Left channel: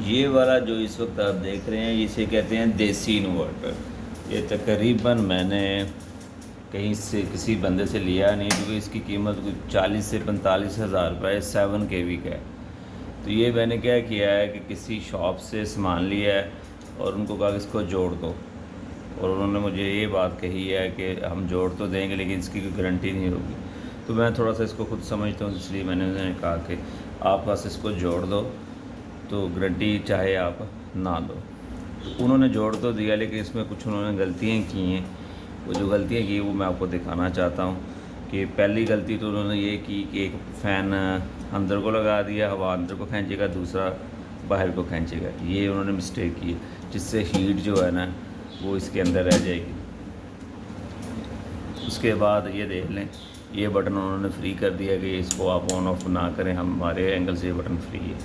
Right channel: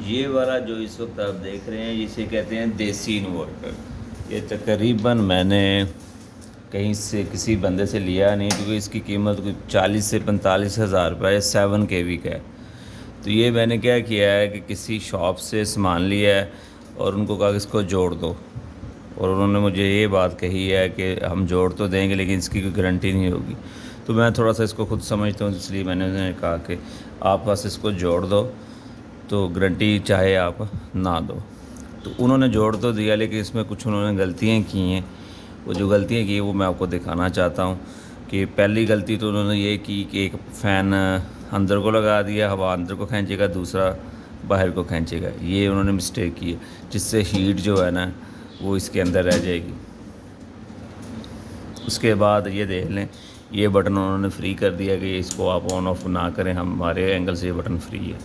ये वाला जो इस वक्त आप देख रहे हैं इसे कहते हैं देसी इन्वर्टर। ये तकरीबन मैंने कहीं से किसी बंदे से लिया नहीं, क्योंकि इसकी कीमत कुछ 40 से 45 हज़ार रुपये 7 kV का है। तो ये मैंने क्या किया है कि किसी शॉप से सामान लिया है और उनको कहा कि इसको जोड़ दो, और उन्होंने मुझे ये बात कही है कि हम जोड़ तो देंगे लेकिन इसकी कोई गारंटी नहीं होगी। तो मैं थोड़ा सा इसको खुद समझता हूँ, इसलिए मैंने उन्हें कहा कि आप बस इसको जोड़ दो, तो गारंटी चाहे आप ना दो। तो उन्होंने जोड़ तो दिया, लेकिन इसमें कुछ उन्होंने गलतियाँ की हैं। वो जो गलतियाँ की वो मैं आपको दिखाना चाहता हूँ। कि पहली गलती तो उन्होंने ये की कि एक फ़ैन अंदर को लगा दिया, हवा अंदर को खींचेगा, दूसरा बाहर को खींचेगा। ये उन्होंने मिस्टेक की है, जिससे हीट जो है ना वो इसके अंदर रह जाएगी। उसके बाद ये देख लें, ये बटन उन्होंने फ्री कर दिया कि इसको आप ऑन ऑफ ना करें, हमारे एंगल से ये बटन फ्री है।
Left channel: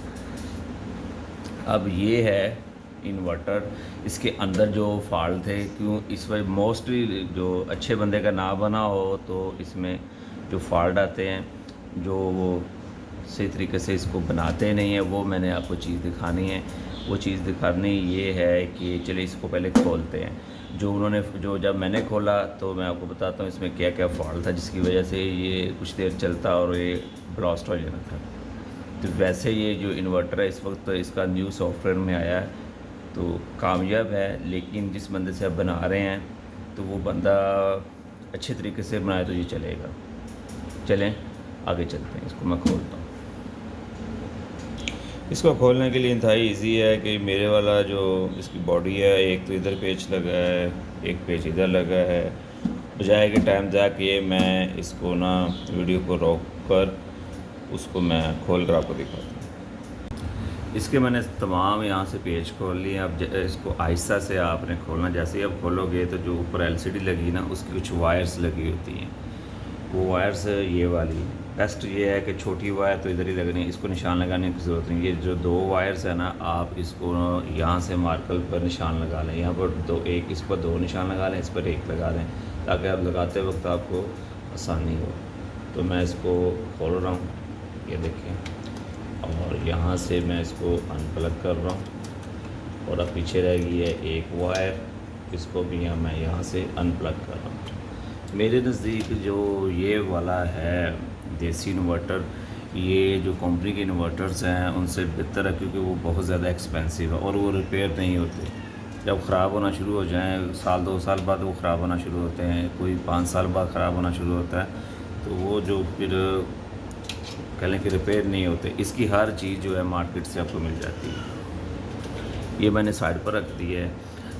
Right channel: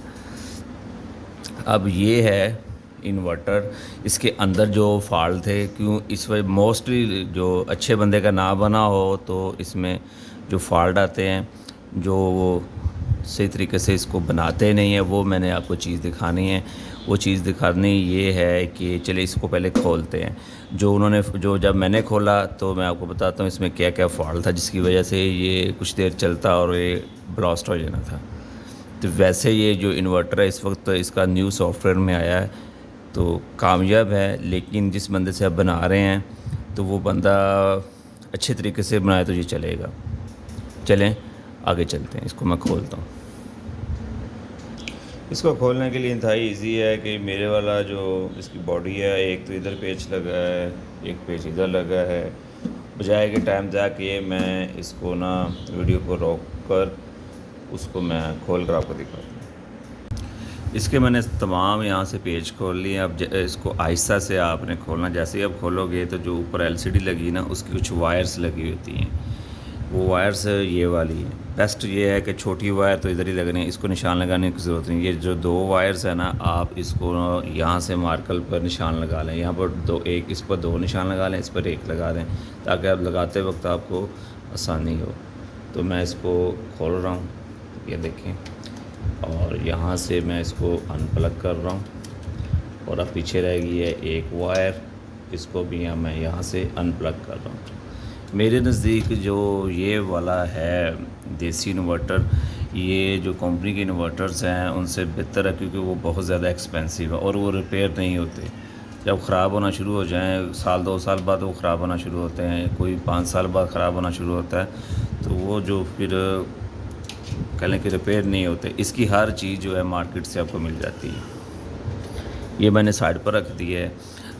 अब ये है इन्वर्टर, इसके अंदर जो फॉल्ट थे, क्यों इस वजह मोस्टली जो अच्छे बंदे का ना बना हो तो इसमें जो फॉल्ट आते हैं, जो वो सही तरीके से इसको बनाते नहीं हैं, वो मैंने आपको चीज़ दिखानी है। वो चीज़ दिखानी ये है कि चलिए इसको पहले खोलते हैं। जो जब मैंने खोला तो मैं आपको बताता हूँ इसमें क्या क्या फॉल्ट था, जिसकी वजह से ये कुछ देर चलता और ये ब्लास्ट हो जाना था। तो वैसे ये जो इन्वर्टर है इस वक्त तो इसका न्यू सॉफ्टवेयर में आया है, तो कामयाब है। लेकिन जिस बंदे से आप बना रहे हैं तो वो बंदा अच्छे तरीके से बनाए तो ये चलेगा। चलें आगे चलते हैं, इसको मैं खोलता हूँ। इसको खोलने के लिए इंतहाई इजी है कि मेरे वाला जो इसकी बॉडी है, एक तो इधर पेच लगा है, एक पेच इधर लगा है। बजाय के टाइम जाके मैं इसको ना वीडियो को रोक कर उसको मैं खोल कर आपको दिखाता हूँ। इसके मैंने तमाम यहाँ से पेज खोल लिए। अब इसको आहिस्ता से आपने खोलना। जैसे ही आप खोलोगे तो जो ऊपर एलसीडी लगी ना उसकी कुछ वायर्स लगी होती हैं, वो वायर्स ये वाली हैं। बेस्ट ये है कि छोटी वायर तो इधर ही लगनी है, इसको निशान लगाने की ज़रूरत नहीं। ये जो दो वायर्स है ना, आप इसको यहाँ से मार्कर पर निशान लगा लें। यहाँ पर एक इस पर दो निशान लगा लें, इस पर एक लगा दें, ताकि आप लगाते वक्त आपको आसानी हो। तो मैं इसको खोल रहा हूँ, ये देखिए, और यहाँ से मैं इसको अनप्लग कर रहा हूँ। और अब पीछे रह गई है एक वायर, इसको भी मैं यहाँ से अनप्लग कर रहा हूँ। मेरे नज़दीक जो ये वाला है देसी इन्वर्टर, ये जो कंपनी के इन्वर्टर्स हैं उनसे बेहतर है, क्योंकि वो बहुत ज़्यादा एक्सपेंसिव है और वो रिपेयर नहीं होते। जब ख़राब होना शुरू हो जाएँ, साल 2 साल बाद वो ख़राब होना शुरू होते हैं, कोई 5 साल बाद ख़राब होना शुरू होता है, तो वो जो फिर कह लें कि रिपेयर नहीं होते। इसकी हर चीज़ जो है मार्केट से आपको मिल जाती है। ये मैंने साइड पर रख दी है।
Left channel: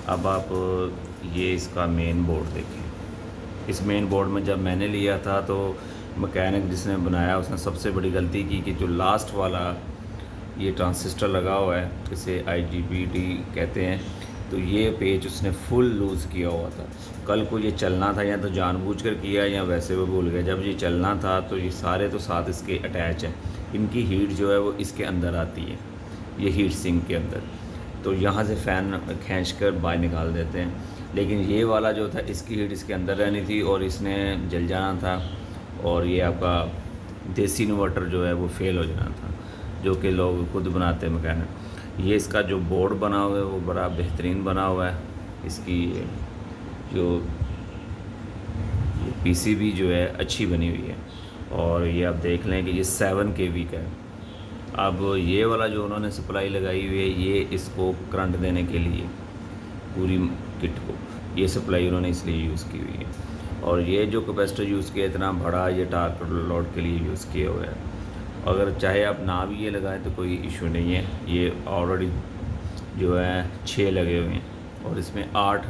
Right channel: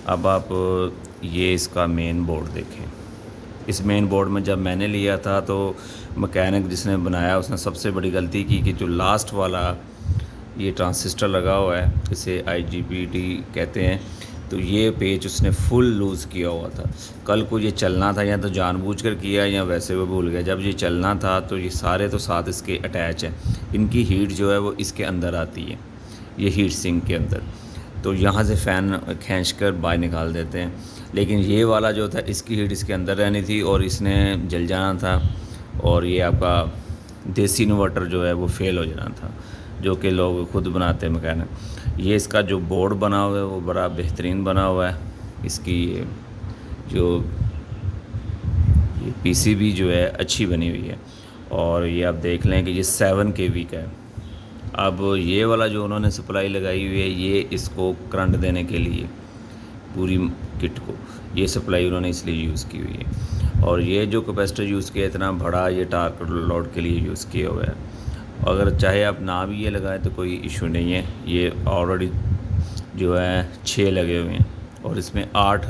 अब आप ये इसका मेन बोर्ड देखें। इस मेन बोर्ड में जब मैंने लिया था तो मैकेनिक जिसने बनाया उसने सबसे बड़ी गलती की कि जो लास्ट वाला ये ट्रांसिस्टर लगा हुआ है, इसे IGBT कहते हैं, तो ये पेच उसने फुल लूज़ किया हुआ था। कल को ये चलना था, या तो जानबूझकर किया या वैसे वो भूल गया। जब ये चलना था तो ये सारे तो साथ इसके अटैच हैं, इनकी हीट जो है वो इसके अंदर आती है, ये हीट सिंक के अंदर। तो यहाँ से फ़ैन खींच कर बाहर निकाल देते हैं। लेकिन ये वाला जो था इसकी हीट इसके अंदर रहनी थी और इसने जल जाना था, और ये आपका देसी इन्वर्टर जो है वो फेल हो जाना था, जो कि लोग खुद बनाते हैं मैकेनिक। ये इसका जो बोर्ड बना हुआ है वो बड़ा बेहतरीन बना हुआ है। इसकी जो ये PCB जो है अच्छी बनी हुई है, और ये आप देख लें कि ये 7 kV का है। अब ये वाला जो उन्होंने सप्लाई लगाई हुई है, ये इसको करंट देने के लिए पूरी किट को ये सप्लाई उन्होंने इसलिए यूज़ की हुई है। और ये जो कैपेसिटर यूज़ किया इतना बड़ा, ये टार्क लोड के लिए यूज़ किया हुआ है। अगर चाहे आप ना भी ये लगाएं तो कोई इशू नहीं है। ये ऑलरेडी जो है 6 लगे हुए हैं और इसमें 8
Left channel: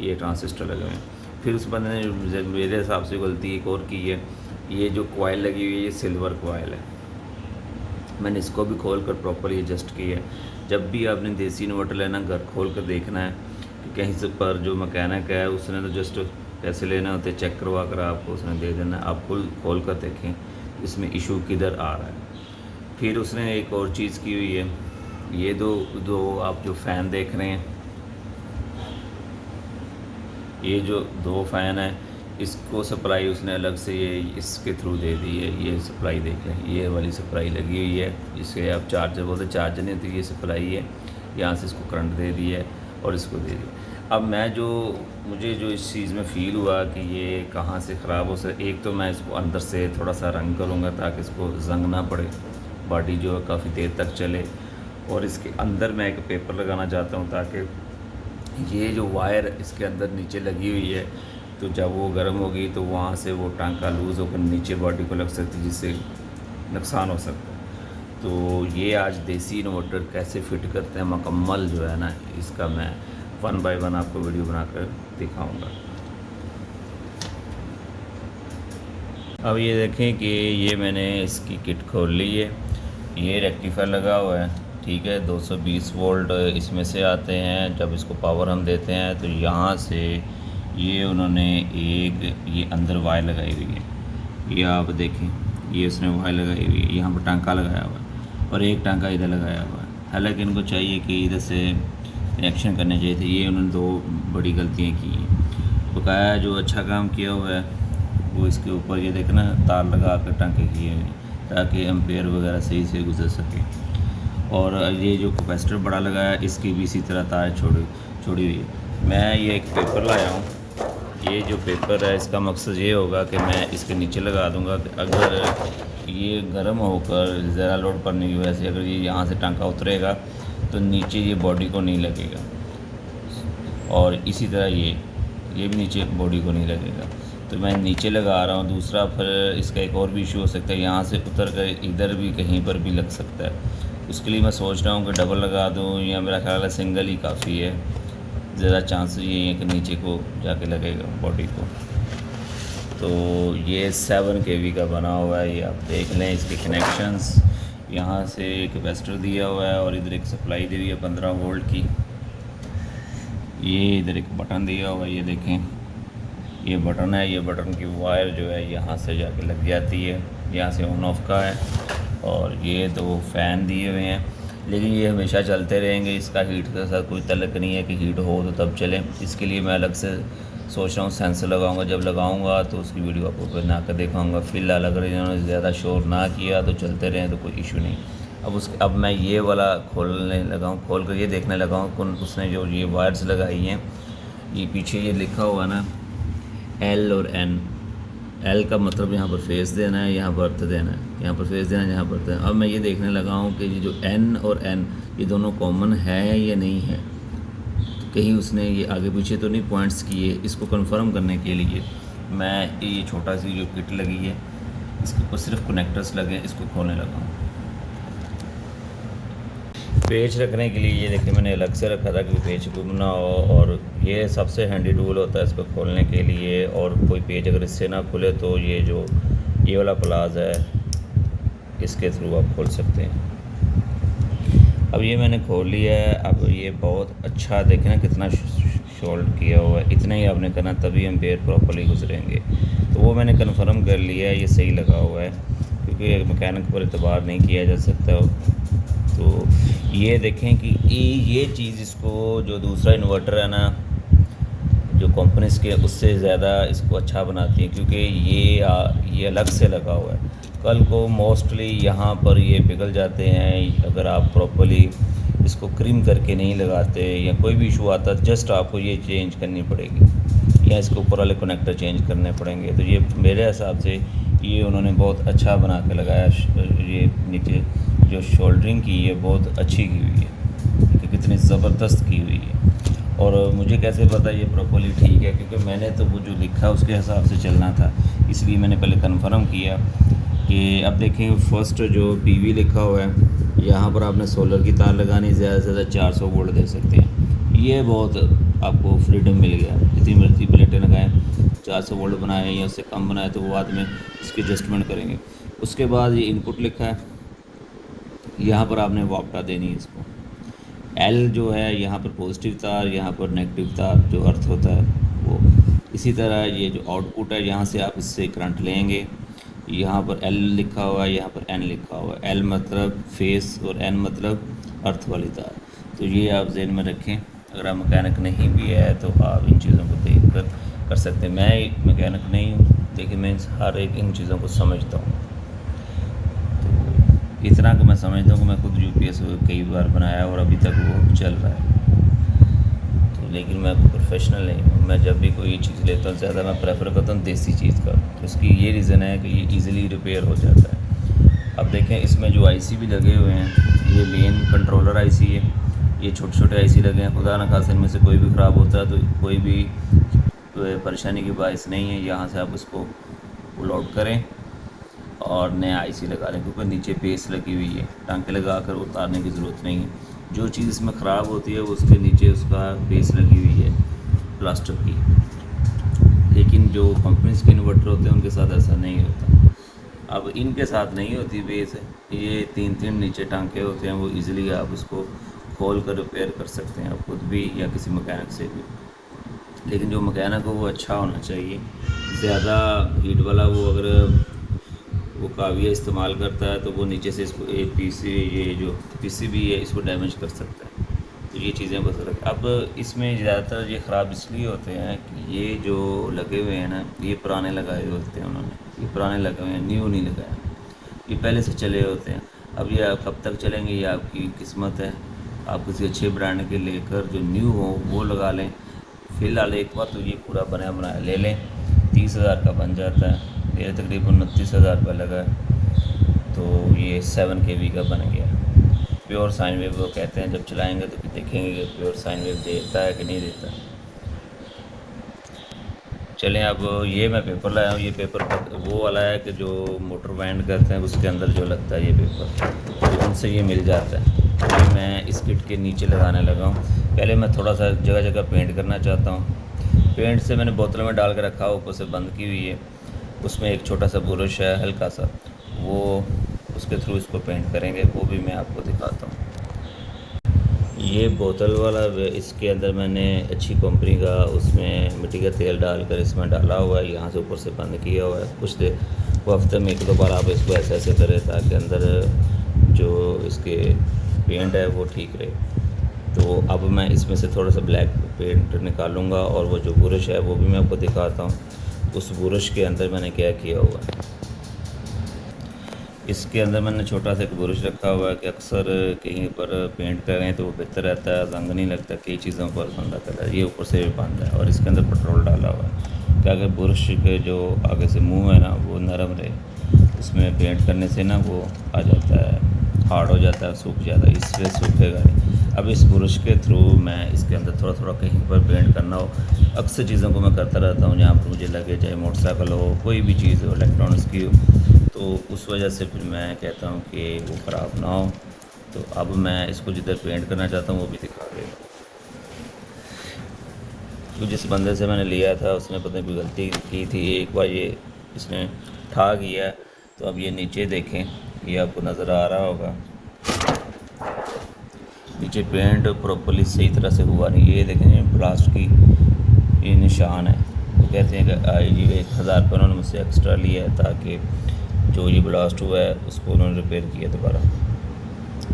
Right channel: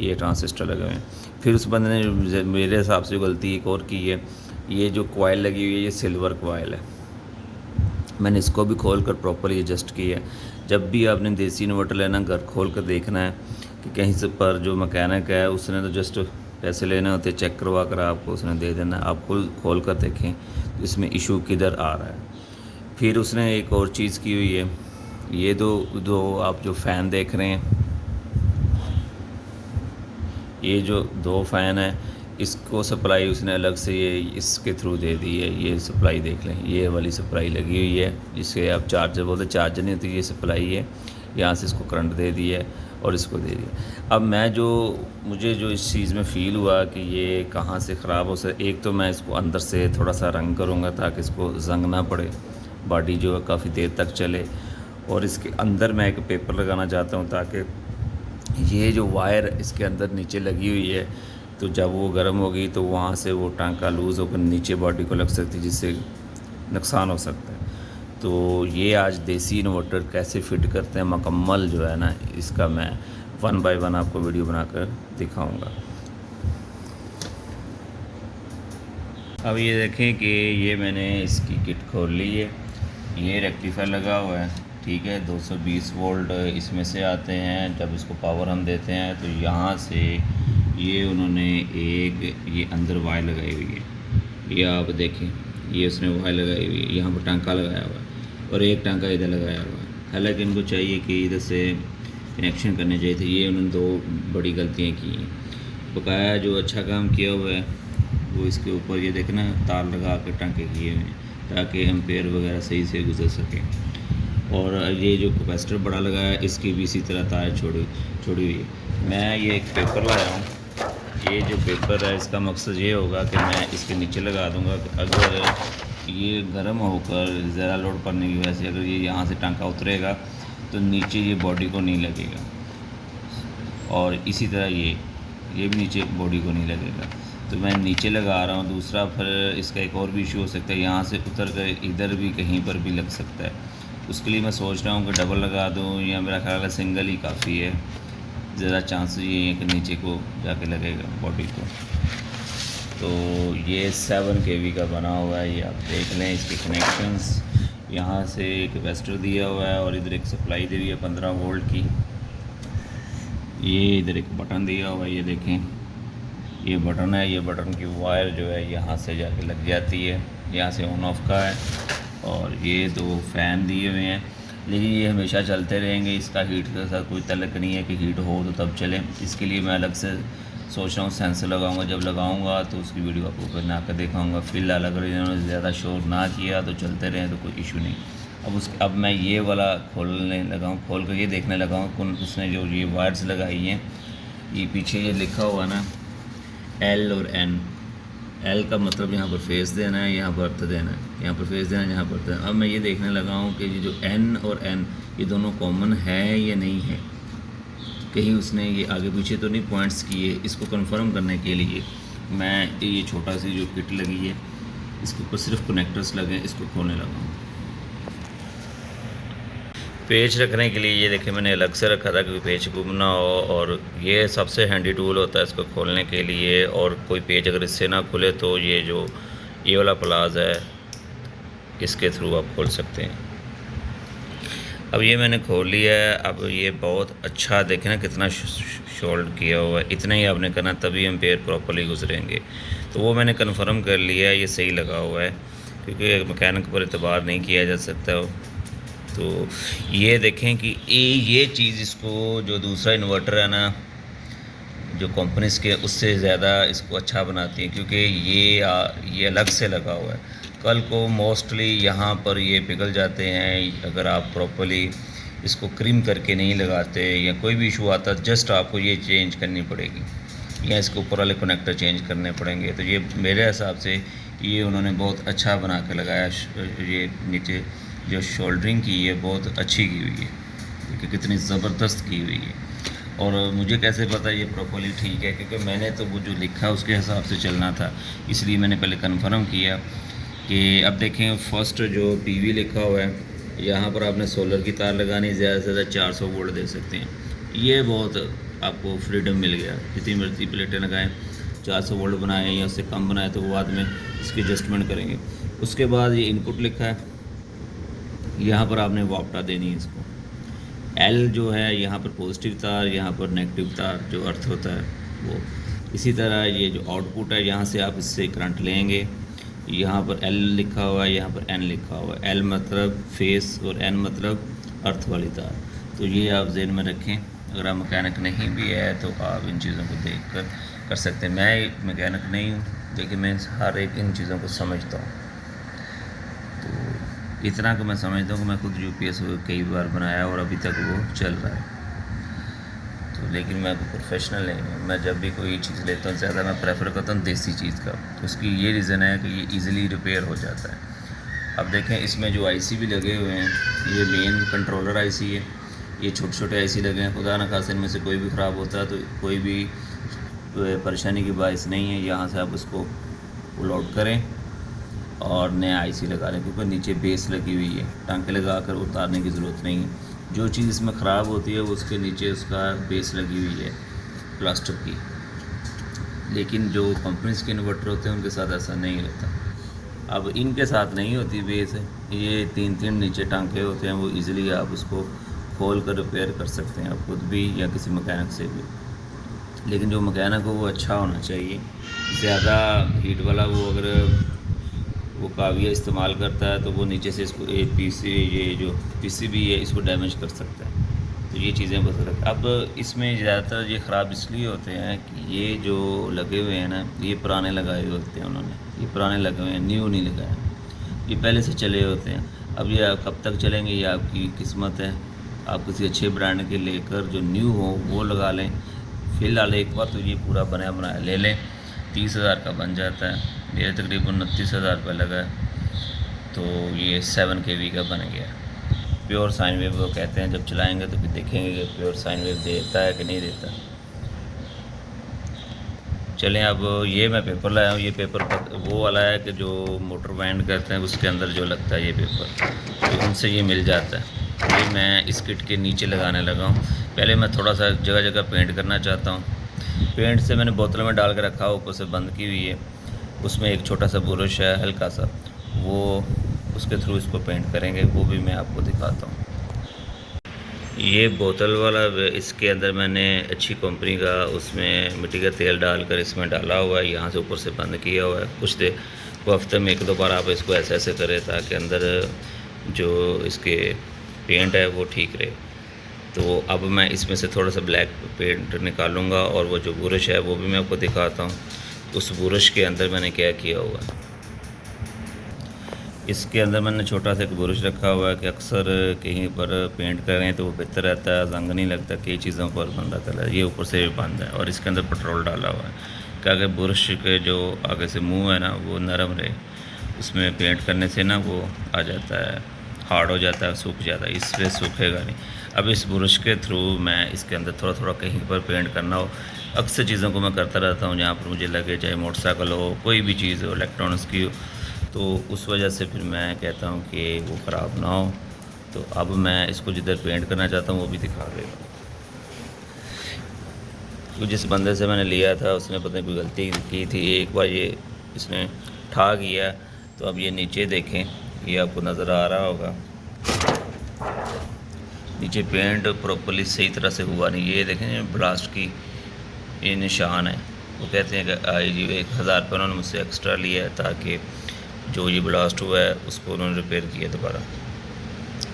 ये ट्रांसिस्टर लगे हुए हैं। फिर उस बंदे ने मेरे हिसाब से गलती एक और की है, ये जो कॉइल लगी हुई है ये सिल्वर कॉइल है। मैंने इसको भी खोल कर प्रॉपरली एडजस्ट किया है। जब भी आपने देसी इन्वर्टर लेना, घर खोल कर देखना है कि कहीं से पर जो मैकेनिक है उसने तो जस्ट पैसे लेने होते, चेक करवा कर आपको उसने दे देना। आप खोल कर देखें इसमें इशू किधर आ रहा है। फिर उसने एक और चीज़ की हुई है, ये दो आप जो फ़ैन देख रहे हैं, ये जो 2 फ़ैन हैं इसको सप्लाई उसने अलग से ये इसके थ्रू दे दी है। ये सप्लाई देख लें, ये वाली सप्लाई लगी हुई है जिसके आप चार्जर बोलते, चार्जर नहीं होती, ये सप्लाई है। यहाँ से इसको करंट दे दिया है और इसको दे दिया। अब मुझे जो इस चीज़ में फ़ील हुआ कि ये कहाँ से ख़राब हो सके, एक तो मैं इसको अंदर से थोड़ा सा रंग करूँगा ताकि इसको जंग ना पड़े, बॉडी जो है काफ़ी देर तक चले। और इसके अंदर मैं एक पेपर लगाना चाहता हूँ ताकि ये जो वायर इसके अंदर नीचे लगी हुई है, तो जब वो गर्म होगी तो वहाँ से वो टांका लूज़ होकर नीचे बॉडी को लग सकती है, जिससे नुकसान हो सकता है। तो ये आज देसी इन्वर्टर कैसे फ़िट करते हैं मुकम्मल जो है ना, इसका मैं 1 बाय 1 आपको वीडियो बनाकर दिखाऊंगा। अब ये देखें कि ये मैंने इसकी किट खोल ली है। ये रेक्टिफायर लगा हुआ है, ठीक है। 220 वोल्ट इसमें से आते हैं। जब इसको पावर हम देते हैं तो यहाँ से ये उन्होंने एक ये अंदर वायर लगाई हुई है, ये आप देखें, ये उसने वायर लगाई हुई है, यहाँ पर टांका लगाया हुआ है और एक टांका इधर लगाया हुआ है। हालांकि इनको चाहिए कि इधर से कनेक्शन करने चाहिए थे, ये उन्होंने 2 बड़ी गलतियाँ की हैं। बकाया जो अच्छा काम किया हुआ है वो इसके ऊपर ये देखना तार लगा कर टांके किए हुए हैं ताकि एम्पेयर वगैरह सही से गुजर सके। और ये जो कैपेसिटर बड़ा लगाया इसकी भी इसी तरह तार छोड़ी हुई है। मैं ये एक पेपर लाया हूँ। ये जो पेपर है इसका मकसद ये होगा कि मैं इसके नीचे लगा दूंगा कि अगर ये गर्म होकर ज़रा लोड पड़ने की वजह से अगर ये यहाँ से टांका उतरेगा तो नीचे ये बॉडी को नहीं लगेगा, और इसी तरह ये भी नीचे बॉडी को नहीं लगेगा। तो मैं नीचे लगा रहा हूँ। दूसरा फिर इसका एक और भी इशू हो सकता है, यहाँ से उतर कर इधर भी कहीं पर भी लग सकता है। उसके लिए मैं सोच रहा हूँ कि डबल लगा दूँ, या मेरा ख्याल है सिंगल ही काफ़ी है। ज़रा चांस ये है कि नीचे को जाके लगेगा बॉडी को। तो ये 7 kV का बना हुआ है, ये आप देख लें। इसके कनेक्शंस यहाँ से कैपेसिटर दिया हुआ है और इधर एक सप्लाई दे रही है 15 वोल्ट की। ये इधर एक बटन दिया हुआ है, ये देखें, ये बटन है। ये बटन की वायर जो है यहाँ से जाके लग जाती है, यहाँ से ऑन ऑफ का है। और ये 2 फ़ैन दिए हुए हैं, लेकिन ये हमेशा चलते रहेंगे। इसका हीट के साथ कोई तल्लुक़ नहीं है कि हीट हो तो तब चले। इसके लिए मैं अलग से सोच रहा हूँ सेंसर लगाऊंगा। जब लगाऊंगा तो उसकी वीडियो आपको बना कर दिखाऊंगा। फ़िलहाल अगर इन्होंने ज़्यादा शोर ना किया तो चलते रहें तो कोई इशू नहीं। अब मैं ये वाला खोलने लगा हूँ, खोल कर ये देखने लगा हूँ उसने जो ये वायर्स लगाई हैं, ये पीछे ये लिखा हुआ ना L और N। L का मतलब यहाँ पर फेस देना है, यहाँ पर अर्थ देना है, यहाँ पर फेस देना है, यहाँ पर अर्थ देना है। अब मैं ये देखने लगा हूँ कि ये जो N और N ये दोनों कॉमन है या नहीं है, कहीं उसने ये आगे पीछे तो नहीं पॉइंट्स किए। इसको कंफर्म करने के लिए मैं ये छोटा सी जो किट लगी है इसके ऊपर सिर्फ कनेक्टर्स लगे, इसको खोलने लगा हूँ। पेच रखने के लिए ये देखिए मैंने अलग से रखा था कि पेच गुम ना हो, और ये सबसे हैंडी टूल होता है इसको खोलने के लिए। और कोई पेच अगर इससे ना खुले तो ये वाला प्लाज है, इसके थ्रू आप खोल सकते हैं। अब ये मैंने खोल लिया है। अब ये बहुत अच्छा देखें ना कितना शोल्ड किया हुआ है, इतना ही आपने करना तभी एम्पेयर प्रॉपर्ली गुजरेंगे। तो वो मैंने कन्फर्म कर लिया है, ये सही लगा हुआ है, क्योंकि मैकेनिक पर एतबार नहीं किया जा सकता। तो ये देखें कि ये चीज़ इसको जो दूसरा इन्वर्टर है ना जो कंपनीज़ के उससे ज़्यादा इसको अच्छा बनाती है, क्योंकि ये अलग से लगा हुआ है। कल को मोस्टली यहाँ पर ये पिघल जाते हैं अगर आप प्रॉपर्ली इसको क्रीम करके नहीं लगाते, या कोई भी इशू आता जस्ट आपको ये चेंज करनी पड़ेगी या इसके ऊपर वाले कनेक्टर चेंज करने पड़ेंगे। तो ये मेरे हिसाब से ये उन्होंने बहुत अच्छा बना के लगाया। ये नीचे जो शोल्डरिंग की है बहुत अच्छी की हुई है कि कितनी ज़बरदस्त की हुई है। और मुझे कैसे पता ये प्रॉपर्ली ठीक है, क्योंकि मैंने तो वो जो लिखा उसके हिसाब से चलना था, इसलिए मैंने पहले कंफर्म किया कि अब देखें फर्स्ट जो PV लिखा हुआ है, यहाँ पर आपने सोलर की तार लगानी, ज़्यादा से ज़्यादा 400 वोल्ट दे सकते हैं। ये बहुत आपको फ्रीडम मिल गया, जितनी मर्जी प्लेटें लगाएं, 400 वोल्ट बनाएं या उससे कम बनाएं तो वो बाद में इसकी एडजस्टमेंट करेंगे। उसके बाद ये इनपुट लिखा है, यहाँ पर आपने वापटा देनी है इसको। L जो है यहाँ पर पॉजिटिव तार, यहाँ पर नेगेटिव तार जो अर्थ होता है वो। इसी तरह ये जो आउटपुट है यहाँ से आप इससे करंट लेंगे। यहाँ पर L लिखा हुआ है, यहाँ पर N लिखा हुआ है। L मतलब फेस और N मतलब अर्थ वाली तार। तो ये आप ज़हन में रखें। अगर आप मैकेनिक नहीं भी है तो आप इन चीज़ों को देखकर कर सकते हैं। मैं मैकेनिक नहीं हूँ, लेकिन मैं हर एक इन चीज़ों को समझता हूँ। तो इतना कि मैं समझता हूँ कि मैं खुद यूपीएस कई बार बनाया और अभी तक वो चल रहा है। तो लेकिन मैं प्रोफेशनल नहीं हूँ। मैं जब भी कोई चीज़ लेता हूँ ज़्यादा मैं प्रेफर करता हूँ देसी चीज़ का। तो उसकी ये रीज़न है कि ये ईज़िली रिपेयर हो जाता है। अब देखें इसमें जो आईसी भी लगे हुए हैं, ये मेन कंट्रोलर आईसी है। ये छोटे छोटे आईसी लगे हैं, खुदा न खास्ता इनमें से कोई भी ख़राब होता है तो कोई भी परेशानी की बाइस नहीं है। यहाँ से आप उसको पुल आउट करें और नया आईसी लगा लें, क्योंकि नीचे बेस लगी हुई है, टांके लगा कर उतारने की ज़रूरत नहीं है। जो चीज़ इसमें ख़राब होती है वो उसके नीचे उसका बेस लगी हुई है प्लास्टिक की। लेकिन जो कंपनीज़ के इन्वर्टर होते हैं उनके साथ ऐसा नहीं होता। अब इनके साथ नहीं होती बेस, ये तीन तीन नीचे टांके होते हैं, वो इजीली आप उसको खोल कर रिपेयर कर सकते हैं, आप खुद भी या किसी मैकेनिक से भी। लेकिन जो मैकेनिक हो वो अच्छा होना चाहिए। ज़्यादा हीट वाला वो अगर वो काविया इस्तेमाल करता है तो वो नीचे से इसको ये जो पीसीबी है इसको डैमेज कर सकता है। तो ये चीज़ें बस अलग। अब इसमें ज़्यादातर ये ख़राब इसलिए होते हैं कि ये जो लगे हुए हैं ना, ये पुराने लगाए हुए होते हैं उन्होंने, ये पुराने लगे हुए हैं, न्यू नहीं लगाया, ये पहले से चले होते हैं। अब ये कब तक चलेंगे ये आपकी किस्मत है। आप किसी अच्छे ब्रांड के लेकर जो न्यू हो वो लगा लें। फ़िलहाल एक बार तो ये पूरा बनाया बनाया ले लें, 30,000 का बन जाता है। मेरे तकरीबन 29,000 रुपये लगा है, तो ये 7 kV का बन गया। प्योर साइन वेव वो कहते हैं, जब चलाएंगे तो फिर देखेंगे कि प्योर साइन वेव देता है कि नहीं देता। चलें, अब ये मैं पेपर लाया हूँ। ये पेपर वो वाला है कि जो मोटर वाइंड करते हैं उसके अंदर जो लगता है ये पेपर, तो उनसे ये मिल जाता है। ये मैं इस किट के नीचे लगाने लगा हूँ। पहले मैं थोड़ा सा जगह जगह पेंट करना चाहता हूँ। पेंट से मैंने बोतल में डाल के रखा, ऊपर से बंद की हुई है। उसमें एक छोटा सा ब्रश है हल्का सा, वो उसके थ्रू इसको पेंट करेंगे, वो भी मैं आपको दिखाता हूँ। ये बोतल वाला इसके अंदर मैंने अच्छी कंपनी का उसमें मिट्टी का तेल डालकर इसमें डाला हुआ है, यहाँ से ऊपर से बंद किया हुआ है। कुछ देर वो हफ्ते में 1-2 बार आप इसको ऐसे ऐसे करें ताकि अंदर जो इसके पेंट है वो ठीक रहे। तो अब मैं इसमें से थोड़ा सा ब्लैक पेंट निकालूंगा और वो जो ब्रश है वो भी मैं आपको दिखाता हूँ। उस ब्रश के अंदर मैंने क्या किया हुआ है, इसके अंदर मैंने छोटा सा एक ब्रश रखा हुआ है कि अक्सर कहीं पर पेंट करें तो वो बेहतर रहता है, रंग नहीं लगता, कई चीज़ों पर बंदा कलर। ये ऊपर से बंद है और इसके अंदर पेट्रोल डाला हुआ है क्या कि ब्रश के जो आगे से मुंह है ना वो नरम रहे। उसमें पेंट करने से ना वो आ जाता है, हार्ड हो जाता है, सूख जाता है, इसलिए सूखेगा नहीं। अब इस ब्रश के थ्रू मैं इसके अंदर थोड़ा थोड़ा कहीं पर पेंट करना हो, अक्सर चीज़ों को मैं करता रहता हूँ जहाँ पर मुझे लगे, चाहे मोटरसाइकिल हो, कोई भी चीज़ हो, इलेक्ट्रॉनिक्स की हो, तो उस वजह से फिर मैं कहता हूँ कि वो ख़राब ना हो। तो अब मैं इसको जिधर पेंट करना चाहता हूँ वो भी दिखा देगा। तो जिस बंदे से मैंने लिया था उसने पता नहीं कोई गलती की थी, एक बार ये इसने ठा किया। तो अब ये नीचे देखें, ये आपको नज़र आ रहा होगा, नीचे पेंट प्रॉपर्ली सही तरह से हुआ नहीं। ये देखें ब्लास्ट की ये निशान है। वो कहते हैं कि 1,000 रुपये उन्होंने मुझसे एक्स्ट्रा लिया है ताकि जो ये ब्लास्ट हुआ है उसको उन्होंने रिपेयर किया दोबारा।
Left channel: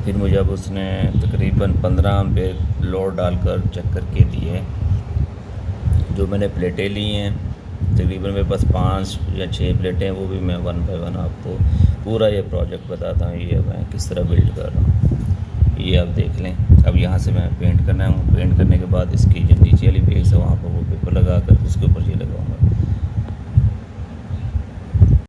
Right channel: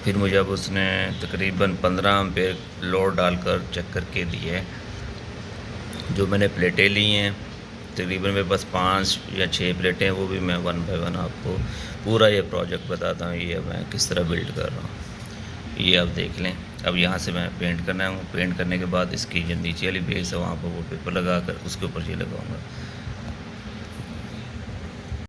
फिर मुझे अब उसने तकरीबन 15 एम्पेयर लोड डालकर चेक करके दिए है। जो मैंने प्लेटें ली हैं तकरीबन मेरे पास 5 या 6 प्लेटें, वो भी मैं 1 बाय 1 आपको पूरा ये प्रोजेक्ट बताता हूँ, ये मैं किस तरह बिल्ड कर रहा हूँ। ये आप देख लें। अब यहाँ से मैं पेंट करना है, पेंट करने के बाद इसकी जो नीचे वाली बेस है वहाँ पर वो पेपर लगा कर उसके ऊपर ये लगाऊँगा।